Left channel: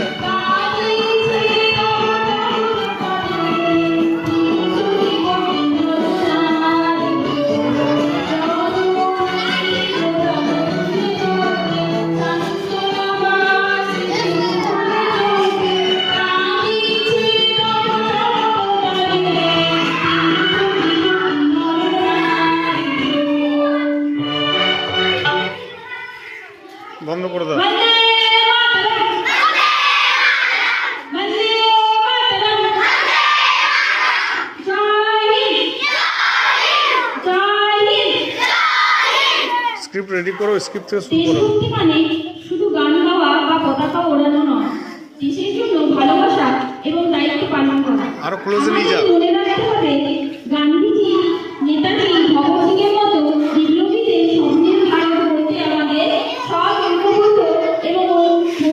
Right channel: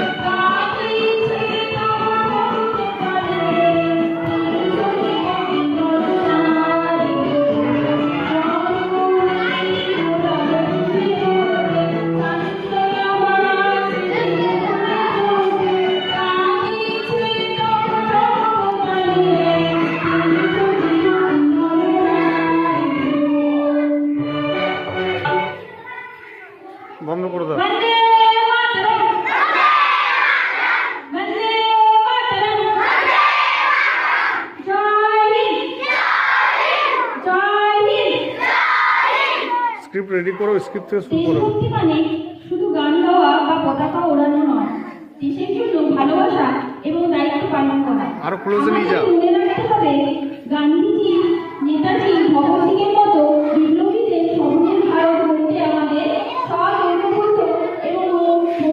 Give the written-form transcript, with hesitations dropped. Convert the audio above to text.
যা। বন্ধ করে দাও। স্ক্রিপ্ট রেডি করো, স্ক্রিপ্ট থেকে শুরু করো। মানে শুধু গান গাওয়া বা পতাকা ওড়ানো নয়, দেশের জন্য ভালোবাসা এবং দায়িত্ব পালন করা। আরো ক্লোজে নিয়ে যাও। মনে রাখতে হবে গান